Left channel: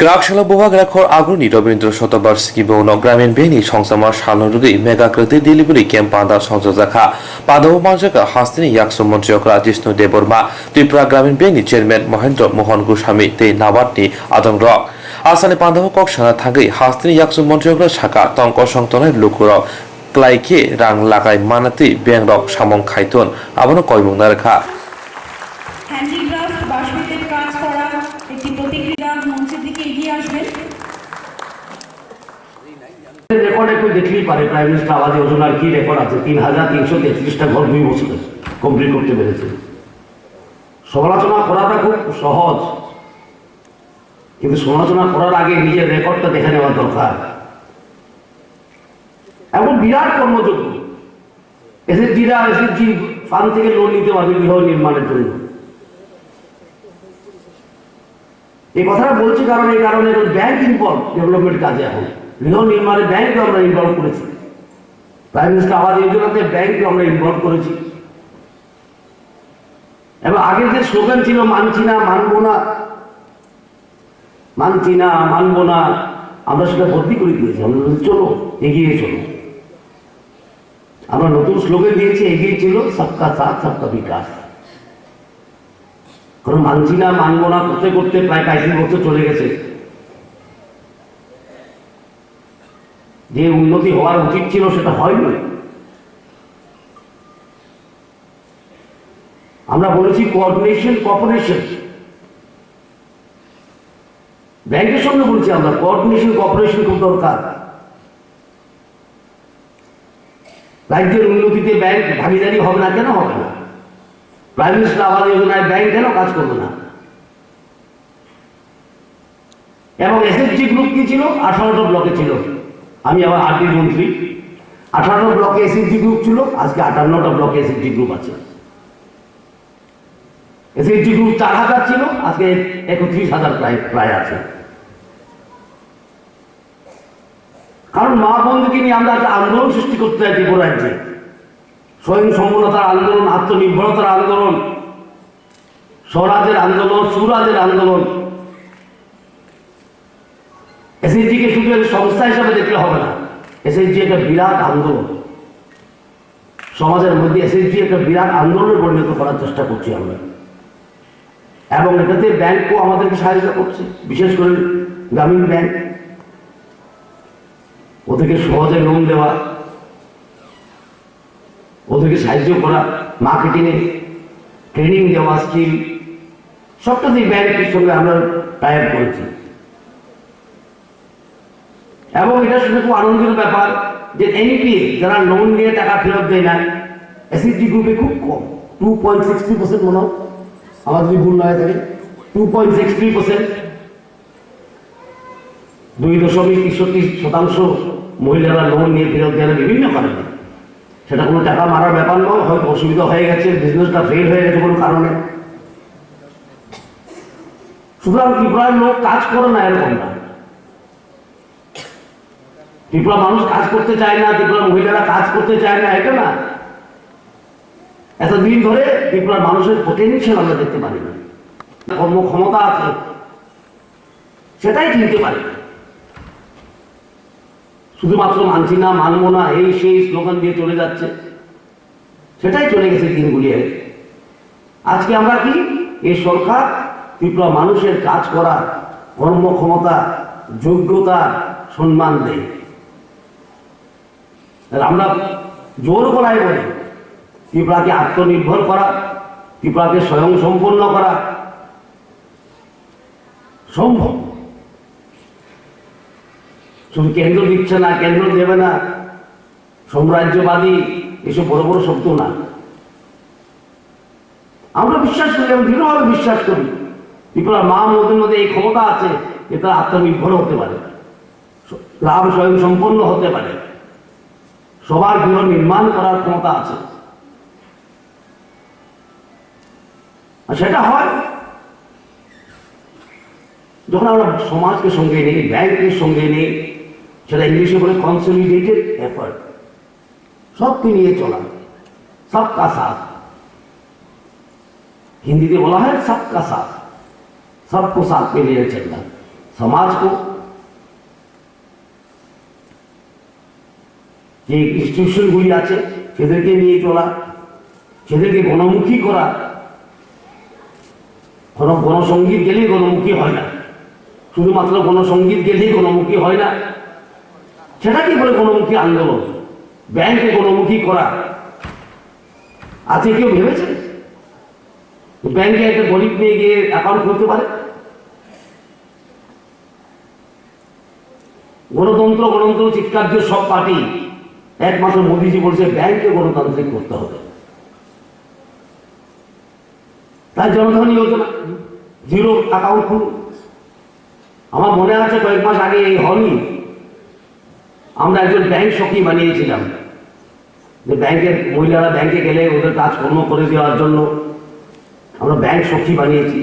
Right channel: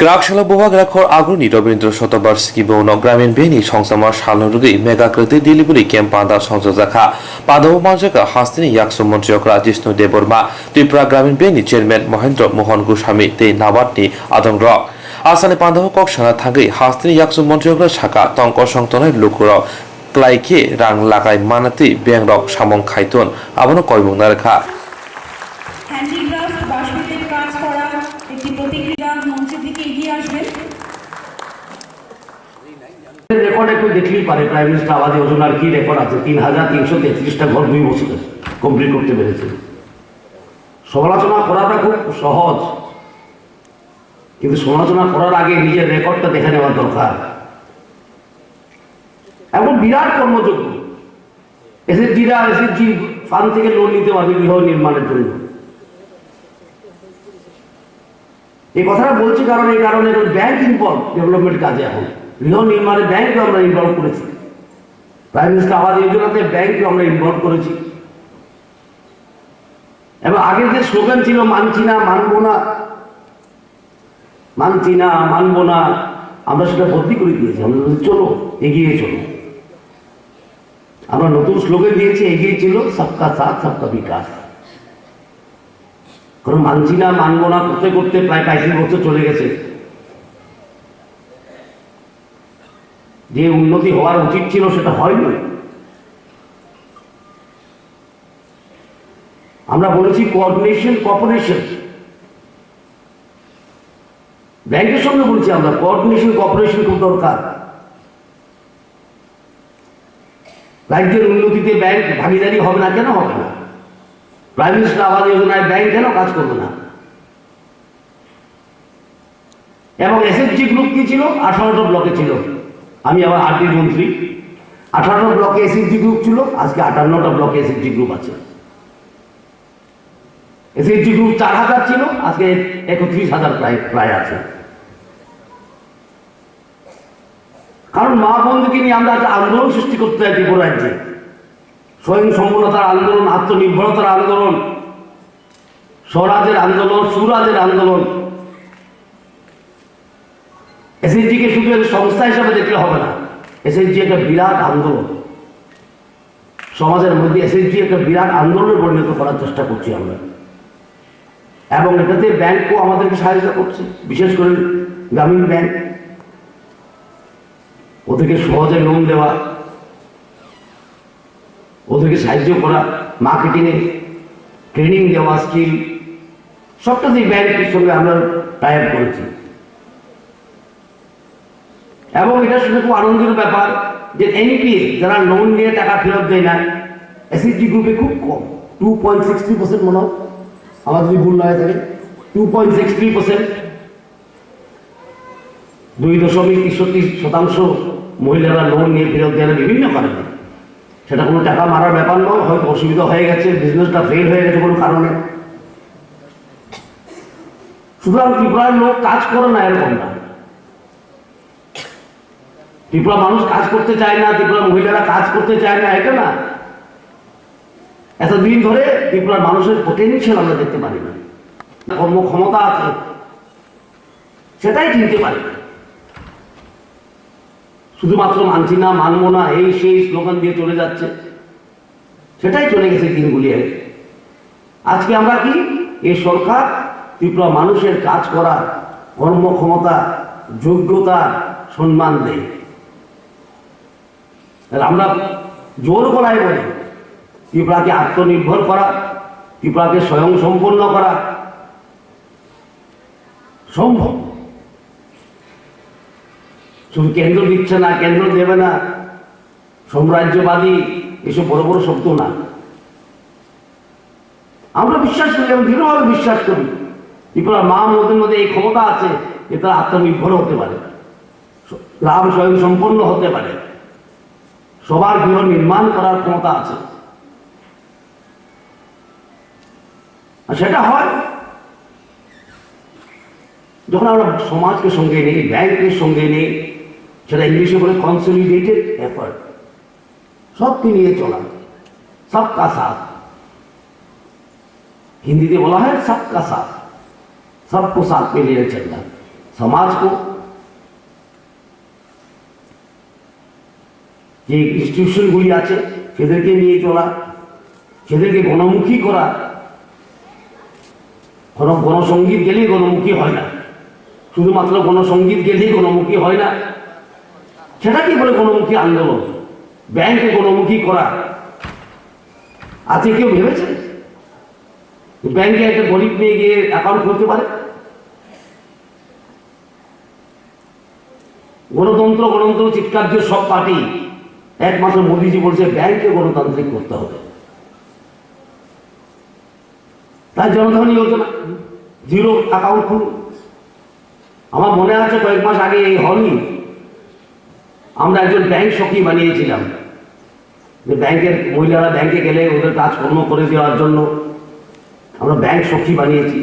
গ্রাহকসেবা বিভাগ রাখর আগ্রণী রবীন্দ্র শতবার্ষিকী বৌন গ্রামীণ বেনি সংসামার সালনুরুগী মেগাকৃতি ডেলিভারি ক্যাম্প পান্দা সংযোজকা পাদব মানজাকা হাস্তিনি ইয়াকসু মন্ত্রীকরা জিষ্ণু দেববর্মা ত্রিপুরা গ্রামীণ বেনি চেয়ারম্যান মহেন্দ্র মোহন গোস্বামী তে নাবার্টনি আদং রক আসানি পান্দব কক্সানা থাকি হাস্তিনি ইয়াকসু মন্ত্রীকরা শাখা তঙ্ক সংতনের লুকুর ক্লাইকে রাং লাগাই মানাতি ব্যাং রক সামং খাইতন আবনো কয়বং নারেখা হ্যান্ডিক্রাফট বাঁশবেতের কাজ করা একটি প্রতিক্রিয়া মঞ্চের দিকে এগিয়ে আসবেন। রেকর্ড একটু দেখলেই পারে প্রাইম মিনিস্টার আবাস যোজনার কি রেকর্ড আছে ৩,৩33টা ঘর 2 বছরে কমপ্লিট করতে পেরেছে। সমালোচনা করাটা খুব সহজ, কিন্তু সমালোচনা করার আগে নিজের রেকর্ডটা দেখে নেওয়া দরকার। এখন বিরাট কর্মযোগ্য এসএসজি ফান্ড থেকে লোন নিতে পারবে গৃহ নির্মাণের জন্য। এই কথাটা বলছি কারণ এই কারণে ব্যাংক ইনভলভ ডেভেলপমেন্ট কাজে। এখন গৃহ নির্মাণে ব্যাংকে আমরা ইনভলভ করেছি, প্রাইম মিনিস্টার আবাস যোজনাতে ব্যাংকে আমরা ইনভলভ করেছি। এবং আগের যে স্লোগান ছিল মানছি না মানবো না, মানছি না মানবো না, আমরা সেটা বদলি করে দিয়েছি। আমরা বলছি চলো এগিয়ে চলো। আমরা নতুন স্লোগান দিয়েছি এগিয়ে ছিল সবকা সাথ সবকা বিকাশ। কারণ মানছি না মানবো না করতে করতে প্রায় 35 বছর চলে গেছে। যে উন্নতি হওয়ার উচিত ছিল সেটা হয়নি। আমরা বলেছি কোঅর্ডিনেশন কর্পোরেশন, ব্যাংকের সঙ্গে বলছি আমরা কোঅর্ডিনেশন কর্পোরেশন খুব দরকার। রাজ্যের উন্নতিতে ব্যাংক ভাগিদারি হবে না, কেন হবে না? প্রাইম মিনিস্টার আবাস যোজনায় ব্যাংক কেন কাজ করবে না? এবং এসএসজি গ্রুপ কি ছিল? 18টা ব্লকে ছিল। আমি আবার আরডির মন্ত্রী। 18টা ব্লকে এসএসজি গ্রুপ ছিল, আজকে 58টা ব্লকে এসএসজি গ্রুপ আছে। এসএসজি গ্রুপ 4,000 ছিল, আজকে 31,000 প্রায় আছে। কারণ মা বন্ধুকে নিয়ে আমরা একটা আন্দোলন সৃষ্টি করতে চাই ত্রিপুরা রাজ্যে। স্বয়ং সম্পূর্ণতার আন্দোলন, আত্মনির্ভরতার আন্দোলন, স্বরাজের আন্দোলন, সুরাজের আন্দোলন। এসএসজিকে শুধু সংস্থা হিসাবে দেখলে হবে না, এসএসজি একটা বিরাট আন্দোলন। সমাজের মধ্যে এসএসজি একটা বিরাট আন্দোলনে পরিণত করার চেষ্টা করছি আমরা। এবং এটাতে ব্যাংকও আমাদেরকে সাহায্য করছে, বিশেষ করে গ্রামীণ ব্যাংক। ওদেরকে সহজে লোন দেওয়া, ওদেরকে সাহায্য করা, মার্কেটিংয়ে ট্রেনিং দেওয়া, স্কিল, সবটাতেই ব্যাংকের সঙ্গে আমরা টাই আপ করেছি। এবং এটা শুনে খুব আনন্দের ব্যাপার যে এনপিএ যারা লোন নিয়ে টাকা ফেরত দেয় না, এসএসজি গ্রুপে খুব কম, 2.63% মনে হয়, আমার যদি ভুল না হয়ে থাকে 2.63%, 2.63% মহিলারা লোন নিয়ে ফেরত দেয় না বিভিন্ন কারণে। সেটা কোনো টাকা মারার ব্যাপার নয়, হয়তো অসুবিধা হয়ে গেছে, বিজনেসটা ফেল হয়ে গেছে কোনো কারণে। সুতরাং ত্রিপুরার লোক কাজ করে না এরকম না। ত্রিপুরা মানুষ কাজ করতে চায় না, ত্রিপুরা মহিলারা কাজ করতে চায় না, এটা না। এতদিন ধরে ত্রিপুরার মানুষের পোটেনশিয়াল আমরা দেখতে পারি না, কর্মক্ষমতা আছে সেটাই চিনতে পারি না। শুধুমাত্র মানছি না মানবো না এই সেই স্লোগান দিয়ে চলে যাচ্ছে, সেটাই চলে গেছে দিনগুলি। আজকে আমরা কি এই সরকার ত্রিপুরা মানুষের কাজ করা কর্মক্ষমতা যোগ্যতা সম্মান দেয়। আমরা জোর গলায় বলি ত্রিপুরাকে আত্মনির্ভর করা, ত্রিপুরাকে স্বয়ং সম্পন্ন করা সম্ভব। শুধু কেন্দ্র দিচ্ছে না, কেন্দ্র দেবে না, সাম্রাজ্যবাদী এসব বড় বড় শব্দ না। আমরা বিশ্বাস করি, আমি দৃঢ়ভাবে বিশ্বাস করি ত্রিপুরা মা মধ্যে মধ্যে এই ক্ষমতা আছে যে তারা আত্মনির্ভর হতে পারে, গ্রাম স্বয়ং সম্পন্ন হতে পারে, সবার গৃহ নির্মাণ করার ক্ষমতা আছে। আর সেটা হয় যখন আমরা সমাজকে সঙ্গে নেই, ব্যাংকের সঙ্গে নেই, সেটা ইংলিশে বলে কনসলিডেটেড এফার্ট, সবকে নিয়ে চলা, সবকা সাথ। হিন্দিতে বলা হয় সবকা সাথ, सबको साथ में लिए चलना। समाज को, যে ইনস্টিটিউশনগুলি আছে সেদেরকে নিয়ে চলা, সেদেরকে গণমুখী করা। গণসঙ্গীত গেলেই গণমুখী হয় না, শুধুমাত্র গণসঙ্গীত গেলেই গণমুখী হয় না। সেটা কি বলে গণমুখী আন্দোলন? ব্যাংকে গণমুখী করা। আজকে কেউ ভেবেছে ব্যাংকে একটা গরিব মেয়ে গিয়ে অ্যাকাউন্ট খুলতে পারে? গণতন্ত্র গণতন্ত্র চিৎকার দিয়ে সব পার্টি, একমাত্র মোদীজি বলছে ব্যাংকে গণতান্ত্রিক করতে হবে। তাই জনধন যোজনা, জিরো অ্যাকাউন্ট খুলুন। আমার মনে আছে কয়েক মাস আগে এই হলই আমরা একজন ব্যাংক সখী বানিয়েছিলাম, যে ব্যাংকের মহিলারা ব্যাংকে গেলে ওদের কাজকর্ম করে দেওয়ার জন্য আমরা ব্যাংক সখী বানিয়েছি।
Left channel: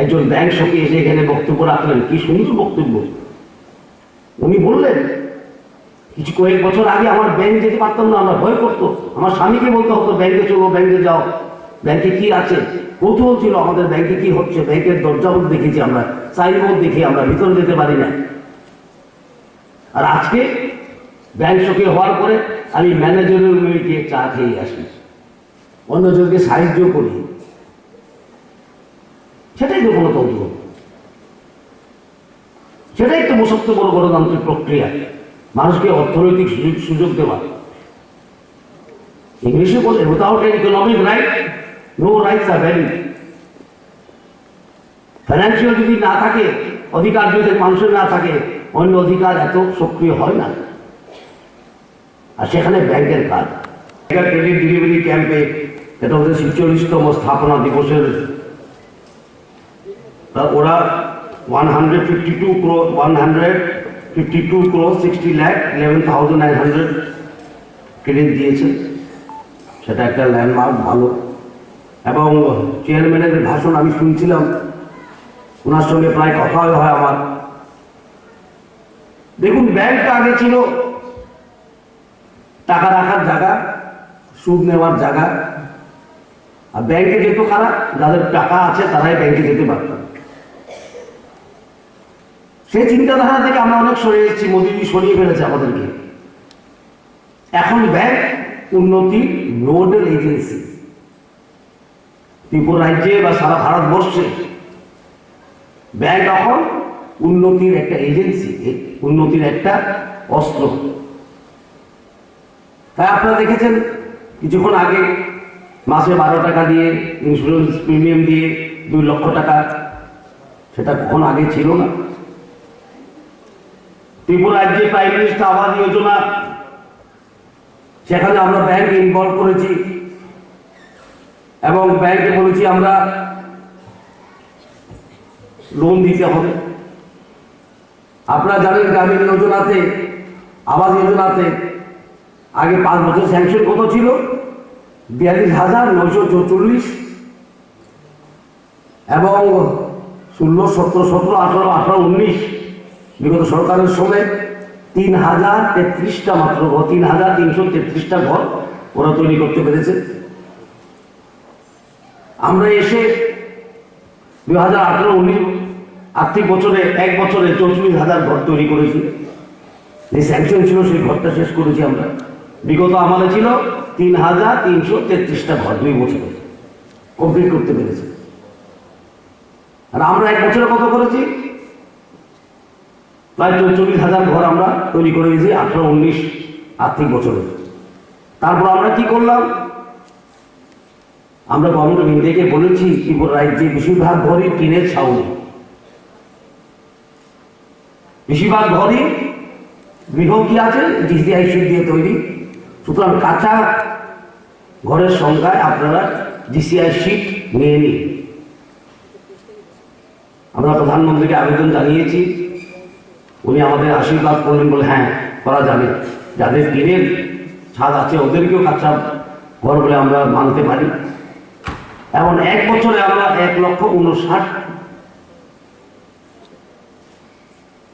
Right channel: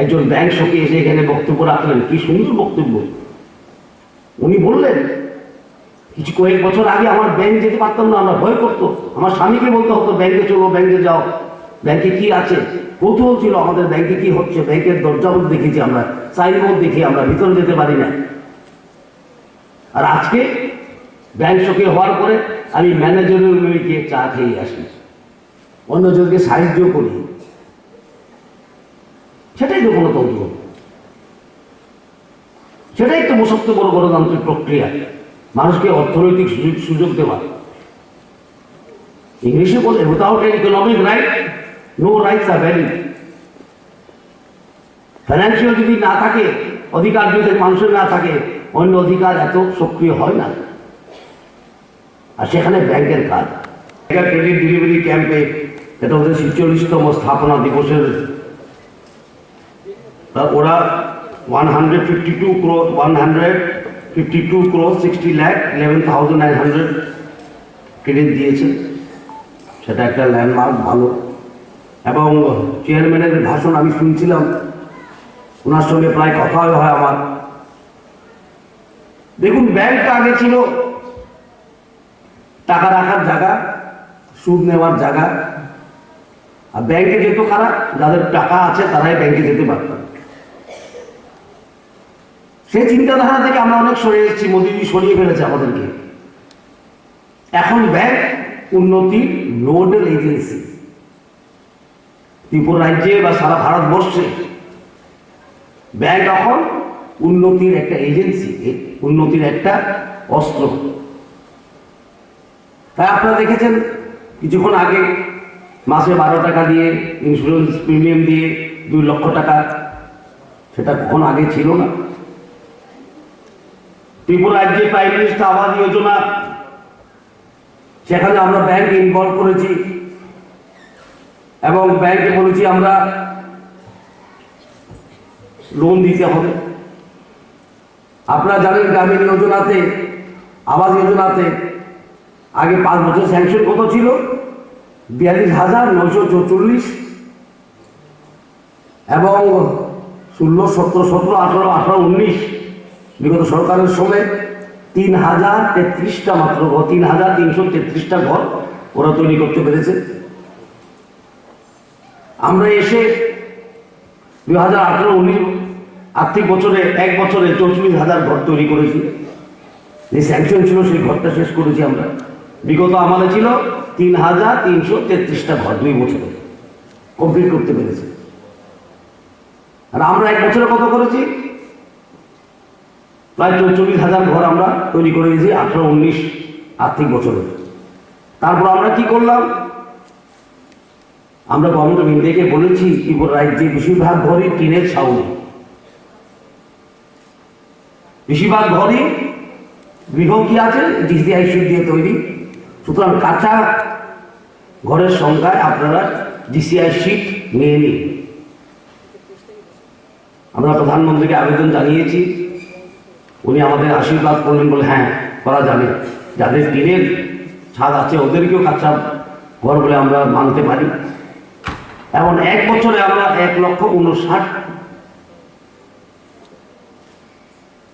একজন ব্যাংক সখী এসে এখানে বক্তব্য রাখলেন, কি সুন্দর বক্তব্য। উনি বললেন কিছু কয়েক বছর আগে আমার ব্যাংক যেতে পারতাম না, আমরা ভয় করতো। আমার স্বামীকে বলতে হতো ব্যাংকে চলো, ব্যাংকে যাও, ব্যাংকে কি আছে। কৌতূহল ছিল আমাদের ব্যাংকে কি হচ্ছে। ব্যাংকের দরজাও দেখেছি আমরা, সাইনবোর্ড দেখি, আমরা ভিতরে যেতে পারি না। আর আজকে ব্যাংক সখী হওয়ার পরে আমি ম্যানেজারের মেয়েকে চা খেয়ে আসি, অন্যজনকে সাহায্য করি। সেটাই তো গণতন্ত্র, সেটাই তো সবচেয়ে বড় গণতান্ত্রিক প্রক্রিয়া, মানুষকে অর্থনৈতিক সুযোগ দেওয়া। ইংলিশে বলে without an economic right no rights are valid. Financial যদি না থাকে, অধিকার যদি মানুষের না থাকে, অন্য অধিকার এত সক্রিয় হয় না। আর সেখানে ব্যাংকের কাজ। ক্রেডিট ডেলিভারি ক্যাম্পে, এটা ওদের ৪৬তম স্থাপনা দিবসের, ওরা 152 crore 60,11,900 ক্রেডিট দিয়েছে। সেটা একটা ল্যান্ডমার্ক, ভালো। এবং চেয়ারম্যানের ভাষণ আমি শুনছিলাম, ওনার সঙ্গে প্রায় কথা হয় আমার। দেখুন, ব্যাংকটা আগে ছিল টাকা রাখার জায়গা, সুদ নেওয়ার জায়গা। আর ব্যাংকে যেত কারা? যাদের টাকা আছে তারাই ব্যাংকে যেতে পারত। সেই চিন্তাধারা থেকে আমরা অনেক সরে এসেছি, মোদীজি সরিয়ে ফেলেছে আমাদেরকে। এখন ব্যাংক উন্নতির নোডাল এজেন্সি। ত্রিপুরা রাজ্যে বা সারা ভারতবর্ষে ব্যাংক এখন উন্নতির একটা এজেন্সি, উন্নতির একটা অস্ত্র। তাই আপনারা দেখেছেন কিছুক্ষণ আগে মাসে 12 টাকা দিয়ে ইন্স্যুরেন্স প্রিমিয়াম দিয়ে 2 লক্ষ টাকা, সেটা কখন আগে ছিল না। ত্রিপুরা রাজ্যে প্রাইম মিনিস্টার আবাস যোজনা, সেখানে আমরা ব্যাংক ইনভলভ করেছি এবং ব্যাংকে বলেছি আমরা লোন দিতে হবে। আপনারা জানেন গ্রামীণ যোজনাতে, আবাস যোজনাতে আগে 5 বছর স্যাংশন কত ছিল? 42,944, এবং 16, 17, 17, 18, 18, 19 বিগত সরকারের সময় 3,033টা মাত্র ঘর, 3,333টা ঘর ওরা তৈরি করতে পেরেছে। আমরা এসে 2018-19 আর্থিক বছরে 1 বছরে 44,000 ঘর তৈরি করেছি। যে স্যাংশন ছিল সেই ঘরটা শেষ করেছি আমরা। বিগত আমাদের ছিল 3,333টা ঘর 2 বছরে কমপ্লিট করতে পেরেছি। আর আমরা 1 বছরে কত করেছি? প্রায় 44,000 ঘর আমরা তৈরি করে দিয়েছি 18-19 আর্থিক বছরে। তারপর আমরা কি করলাম? আমরা গভর্নমেন্ট অফ ইন্ডিয়াকে বলেছি ত্রিপুরা রাজ্যে বেশিরভাগ ঘরই টিনের ছাউনি, বেশিরভাগ ঘরই গৃহ কি আছে ডিসিআই শিট দিয়ে তৈরি। সুতরাং কাঁচা ঘরের সংখ্যায় আপনারা ডিসিআই শিট নিয়ে নিন। আমরা প্রধানমন্ত্রীকে আবেদন জানিয়েছি, উনি আমাদের আশীর্বাদ করলেন, বলে হ্যাঁ করা যাবে। যাদের টিনের ছাদ আছে ওদেরকেও কাঁচা ঘর বলে আমরা মানতে পারি। এবং 1 বছরে আমরা 1,59,000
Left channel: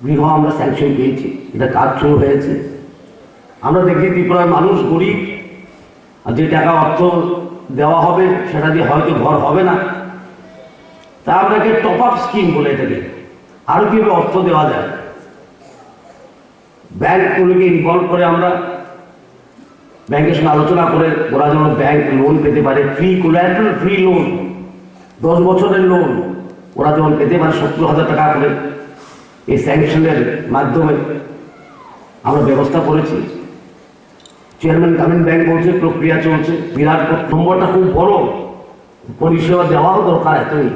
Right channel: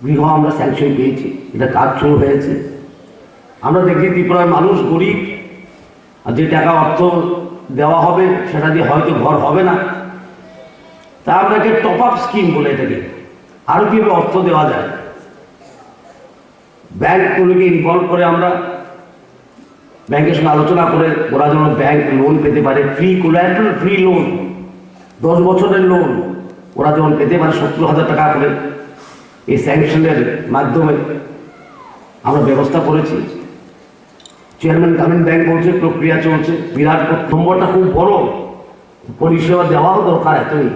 গৃহ আমরা স্যাংশন পেয়েছি। এটা কাজ শুরু হয়েছে। আমরা দেখি ত্রিপুরার মানুষ গরিব, আর যে টাকা অর্থ দেওয়া হবে সেটা দিয়ে হয়তো ঘর হবে না। তা আমরা টপ আপ স্কিম বলে এটাকে, আরো কিভাবে অর্থ দেওয়া যায়, ব্যাংকগুলোকে ইনভলভ করে আমরা ব্যাংকের সঙ্গে আলোচনা করে ওরা যেন ব্যাংক লোন পেতে পারে, ফ্রি কোলাটেরাল ফ্রি লোন, 10 বছরের লোন ওরা যেমন পেতে পারে 70,000 টাকা করে, এই স্যাংশনের মাধ্যমে আমরা ব্যবস্থা করেছি। চেয়ারম্যান গ্রামীণ ব্যাংক বলছে প্রক্রিয়া চলছে, বিরাট নম্বরটা খুব বড়, পরিষেবা দেওয়াও দরকার এতই।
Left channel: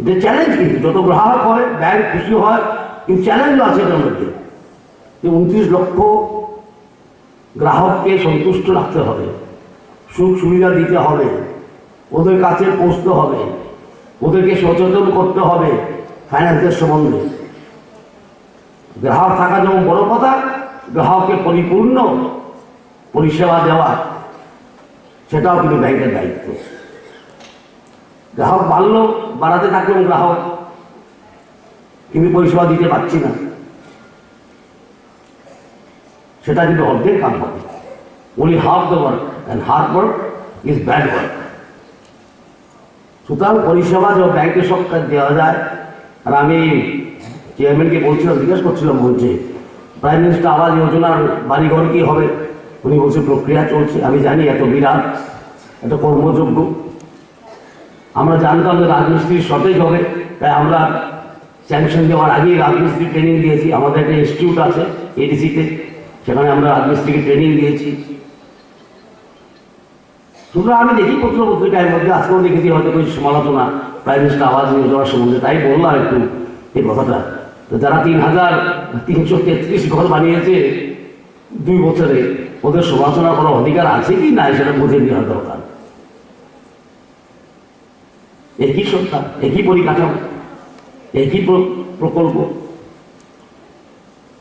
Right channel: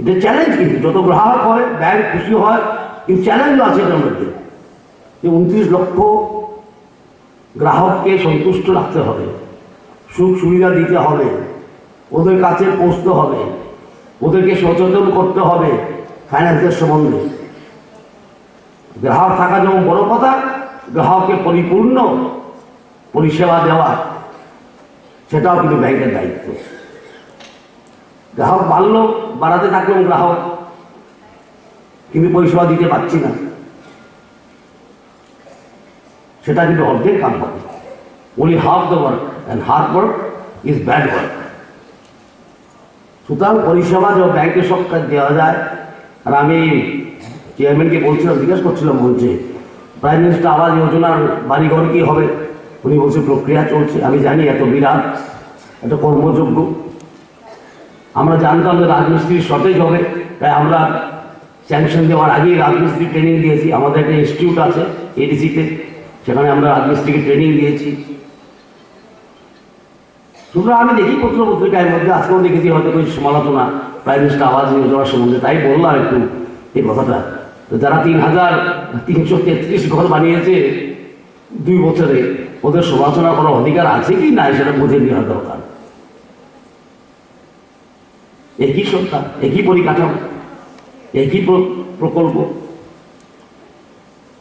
এটা চ্যালেঞ্জ, কিন্তু যত গ্রাহক হয় ব্যাংক খুশি হয়, কিন্তু চ্যালেঞ্জও আছে এটার মধ্যে যে 29 লক্ষ গ্রাহককে সন্তুষ্ট রাখতে হবে, সুখ সুবিধা দিতে হবে, ওদের কাছে পৌঁছতে হবে, ওদেরকে সচেতন করতে হবে ফাইন্যান্সের সম্বন্ধে। গ্রাহক থাকা যেমন বড় কথা, গ্রাহককে পরিপূর্ণ পরিষেবা দেওয়া সেটাও কিন্তু ব্যাংকের দায়িত্ব। গ্রাহক বাড়াতে থাকলাম গ্রাহক, কিন্তু পরিষেবা দিতে পারছি না, সেটা কিন্তু অর্ধেক কাম হবে। only half the work and hard work is bad work। সুতরাং পরিষেবা যে ব্যাংকের সব কাজ দেওয়া যায়। আর আমি চেয়ারম্যানকে বলছিলাম, জিজ্ঞাসা করছিলাম, বলছে প্রাইম মিনিস্টার আবাস যোজনার বাড়িঘর কি হবে, উনি বলছে প্রক্রিয়া চলছে। আমি জানি এত বিরাট এত কর্মযোগ্য, আমরা জানতাম যে রাজমিস্ত্রির শর্টেজ হবে, তাই আমরা স্যাংশন দেওয়ার আগেই রাজমিস্ত্রি ট্রেনিং দিয়েছি। আমাদের একটা ইনস্টিটিউট আছে এডিসিতে, সেখানে আমরা রাজমিস্ত্রিকে ট্রেনিং দিয়েছি। সুতরাং আমি দেখি পত্র পত্রিকার মধ্যে, আজকেও দেখেছি হয়তো কিছু সমালোচনা প্রাইম মিনিস্টার আবাস যোজনার সম্বন্ধে, তাই বললাম একটু এই কথাটা। তো যারা 3,333 ঘর বানিয়েছে 2 বছরে, ওদের সমালোচনা করার অধিকার আছে কি না সেটা বুঝে নেওয়া দরকার। একই সরকার, একই পরিকাঠামো, একই প্রকল্প,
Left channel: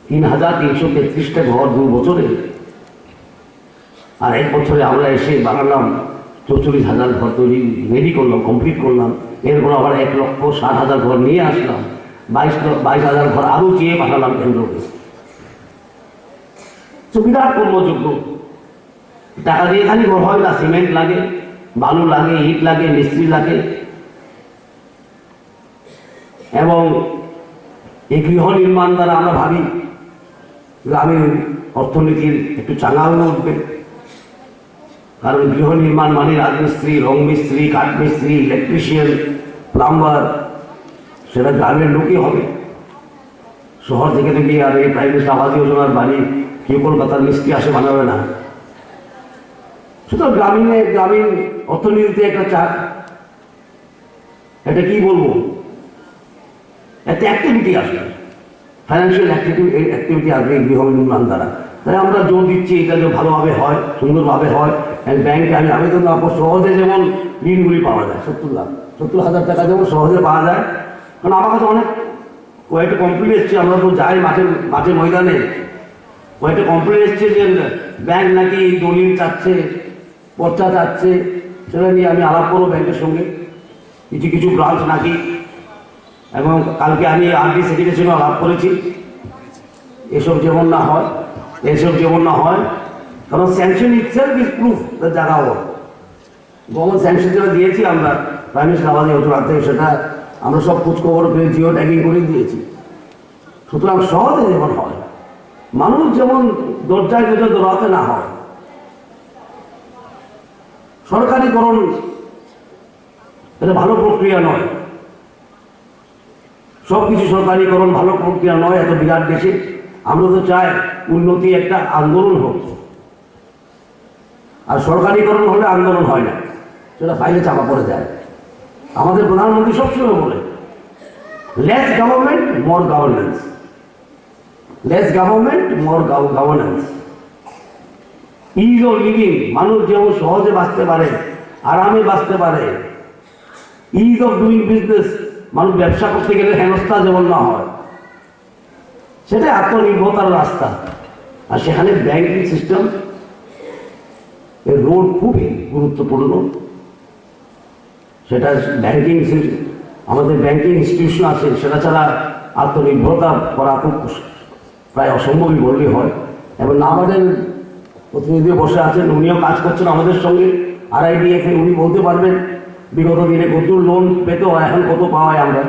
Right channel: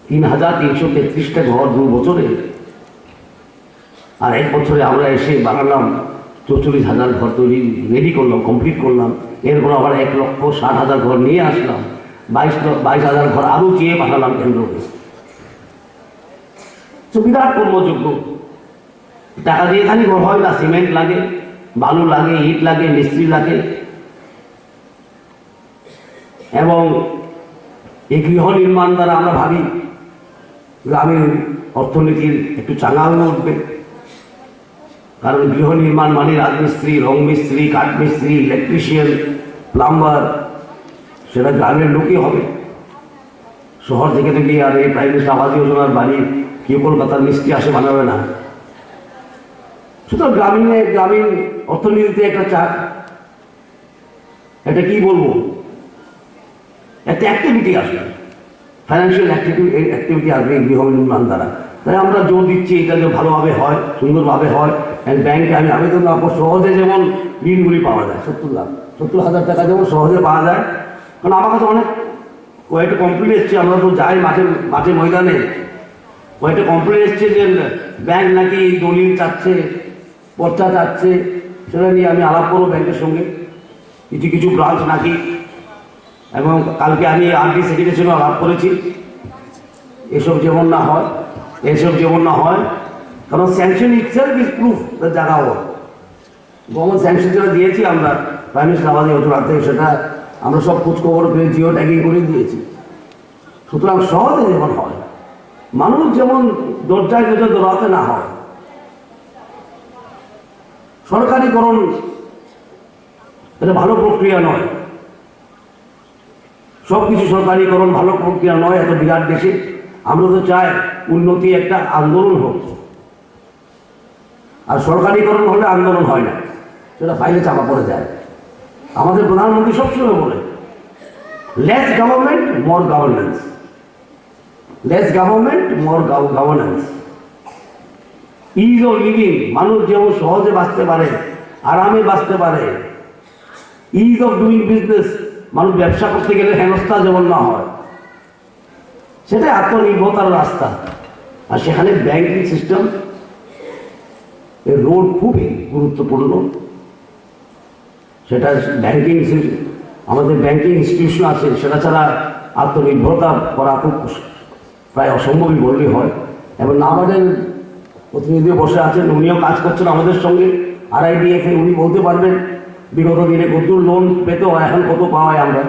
3,333টা ঘর 2 বছরে। আর 1 বছরে আমরা এসে বানালাম 44,000 ঘর তৈরি রেডি করলাম, কমপ্লিট করলাম। এরপর আবার 1,60,000 ঘর নিয়ে আসলাম, 22,000 ঘর আরও চেয়ে পাঠালাম কেন্দ্রকে। বিরাট কর্মযোগ্য। টাকা দিয়ে খালি ঘর হয় না, সিমেন্ট লাগে, বালু লাগে, ইট লাগে, মিস্ত্রি লাগে, এবং এই গৃহ নির্মাণ দ্বারা আমরা ভাবি গ্রামীণ অর্থনীতির একটু চাঙা হয়ে উঠবে। কারণ গৃহ নির্মাণ মানে রাজমিস্ত্রি, রং মিস্ত্রি, কাঠ মিস্ত্রি, ইলেকট্রিশিয়ান, প্লাম্বার, সেটা গ্রামের লোকই হবে। শহর থেকে আর এই প্রাইম মিনিস্টার আবাস যোজনার বাড়ি কেউ কলকাতার মিস্ত্রি আসে বানাবে না। সুতরাং গ্রামীণ অর্থনীতিতে একটা এটা কি বলবো, একটা অ্যাক্টিভিটি আসবে, ফাইন্যান্সিয়াল অ্যাক্টিভিটি আসবে এই গৃহ নির্মাণ দ্বারা। তাই আমরা জোর দিচ্ছি এটা যে ভালোভাবে হয়, সুন্দরভাবে হয়। ব্যাংকে আমি আবেদন করবো, সহজে যেমন ঋণগুলি পাওয়া যায়, 70,000 টাকা যেমন সহজে পাওয়া যায়। কারণ আমার কাছে অনেক কয়েকটা কমপ্লেন এসছে, আমরা তো যাই মাঠে ময়দানে, কয়েকটা কমপ্লেন এসছে যে ব্যাংক নাকি দলিল চাচ্ছে, পর্চা চাচ্ছে। সেটা নিয়ে আমি আলাপ করবো ব্যাংকের সঙ্গে, কিছু ব্রাঞ্চ নাকি, এবং কালকে আমি আরডি সেক্রেটারির সঙ্গে আলাপ করেছি। এসব যেমন না হয়, কারণ স্যাংশন ইটসেলফ ইজ প্রুফ জায়গা হোক। গভর্নমেন্ট স্যাংশন যেটা দিয়েছি আমরা প্রাইম মিনিস্টার আবাস যোজনা থেকে, সেটা আমরা সব খোঁজখবর পেয়ে জিও ট্যাগিং করে দিয়েছি। সুতরাং সহজে যেমন হয়, মানুষ যেমন দরজায় দৌড়াতে না হয়। সরকারিকরণ এটা ভালো প্রক্রিয়া নয়, সবকিছু সরকারিকরণ ভালো প্রক্রিয়া নয়। এত বিরাট দেশে আমরা তো চাই উন্নতি একটা আন্দোলন হোক, আর সরকারিকরণ হলে আন্দোলন হয় না, সেটা ফাইলে চাপা পড়ে যায়। আমাদের প্রধানমন্ত্রী সবসময় বলে less government more governance, less government more governance. Is of living, মানুষ যেমন সহজে বাঁচতে পারে, আরামে বাঁচতে পারে। ইজ অফ ডুইং বিজনেস, মানুষ ব্যবসা করতে গেলে হেনস্থা যেমন না হয়, সেটাই আত্মনির্ভরতার রাস্তা। আর সেখানে ব্যাংকিং সিস্টেম এর রোল খুবই গুরুত্বপূর্ণ। সেটা আমাদের ব্যাংকিং ইনস্টিটিউশন আছে, সেটা ছাড়া আত্মনির্ভরতা করা খুব প্রায় অসম্ভবই বললেই হয়। এবং আমাদের প্রতিনিধিও বসে আছেন, উনিও কাজ করছেন আমাদের সঙ্গে RIDF, উনি বলতে পারবেন বিগত দিনে কত লোন পেতে হয়, এখন কত পাওয়ায় আমরা।